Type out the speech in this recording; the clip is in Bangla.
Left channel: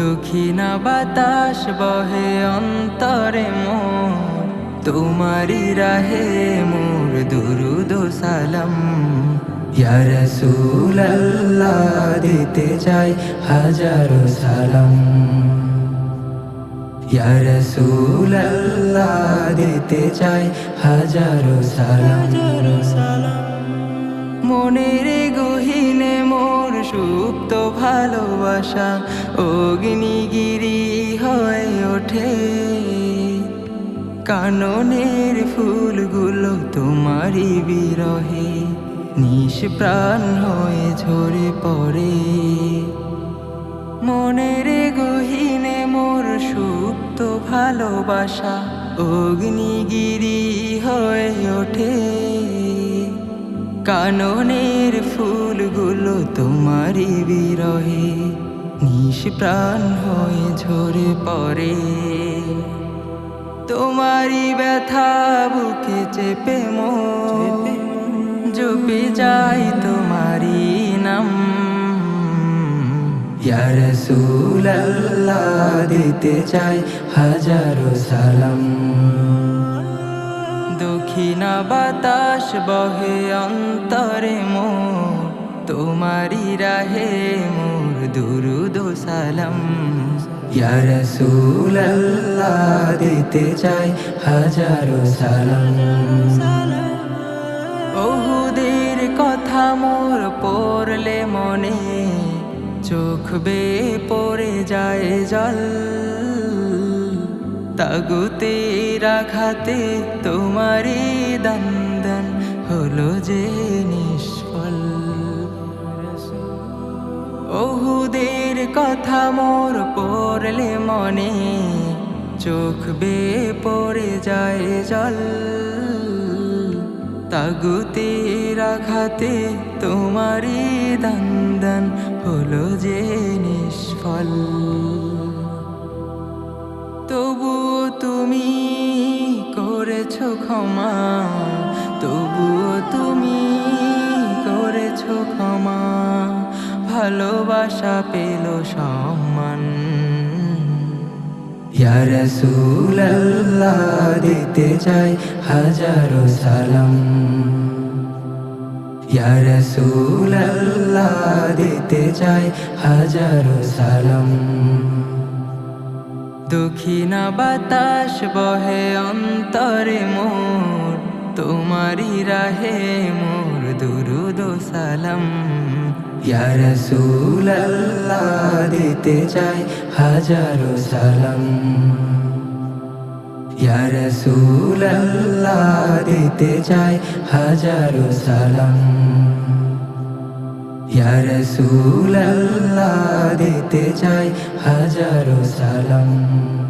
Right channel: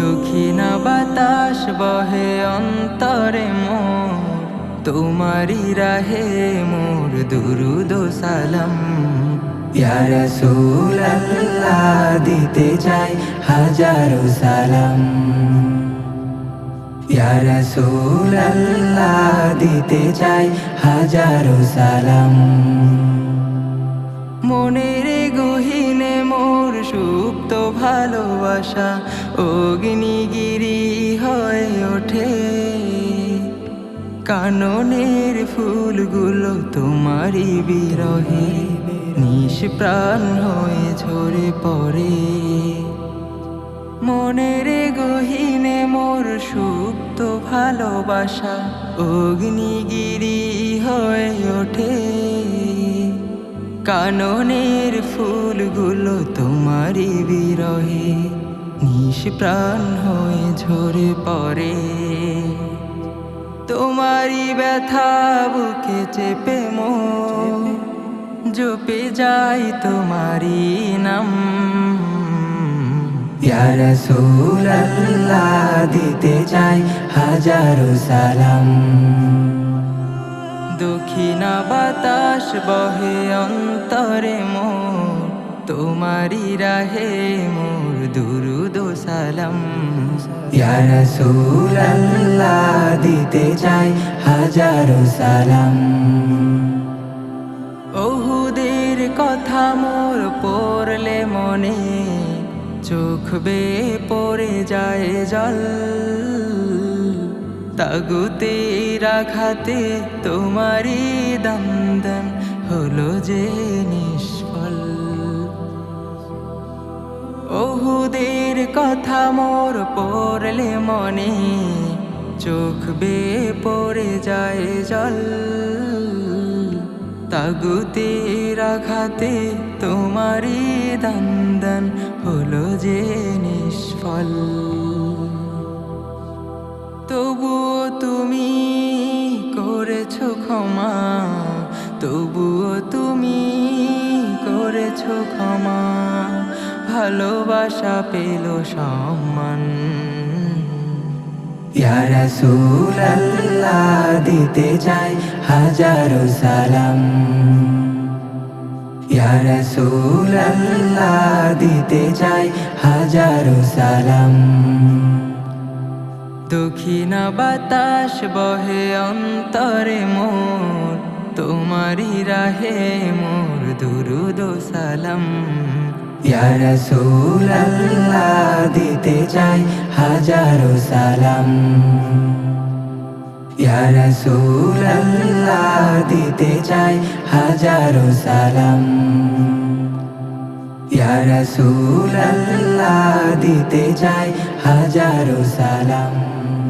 দক্ষিণা বাতাস বহে অন্তরে মোর। তোমারি রাহে মোর দুরুদ সালাম। ইয়া রাসূলাল্লাহ, দিতে চাই হাজারো সালাম। ইয়া রাসূলাল্লাহ, দিতে চাই হাজারো সালাম। সুপ্ত ভালোবাসা অগ্নিগিরি হয়ে ওঠে। কাননের ফুলগুলো তোমারই বিরহে নিষ্প্রাণ হয়ে ঝরে পড়ে। মনের গহিনে মোর সুপ্ত ভালোবাসা অগ্নিগিরি হয়ে ওঠে। কাননের ফুলগুলো তোমারই বিরহে নিষ্প্রাণ হয়ে ঝরে পড়ে। তোমারই ব্যথা বুকে চেপে মো জপে যাই তোমারই নাম। ইয়া রাসূলাল্লাহ দিতে চাই হাজারো সালাম। দক্ষিণা বাতাস বহে অন্তরে মোর। তোমারি রাহে মোর দুরুদ সালাম। ইয়া রাসূলাল্লাহ, দিতে চাই হাজারো সালাম। ওহুদের কথা মোর পড়লে মনে, চোখ বে পড়ে যায় জল। তাগুতে রাখাতে তোমারই দন্দন হলো যে নিষ্ফল। ওহুদের কথা মোর পড়লে মনে চোখ বে পড়ে যায় জল। তাগুতে রাখাতে তোমারই দন্দন হলো যে নিষ্ফল। ক্ষমা, তবুও তুমি করেছ ক্ষমা। ভালোবাসা পেল সম্মান। ইয়া রাসূলাল্লাহ, দিতে চাই হাজারো সালাম। ইয়া রাসূলাল্লাহ, দিতে চাই হাজারো সালাম। দক্ষিণা বাতাস বহে অন্তরে মোর তোমারি রাহে মোর দুরুদ সালাম। ইয়া রাসূলাল্লাহ, দিতে চাই হাজারো সালাম। ইয়া রাসূলাল্লাহ, দিতে চাই হাজারো সালাম। ইয়া রাসূলাল্লাহ দিতে চাই হাজারো সালাম।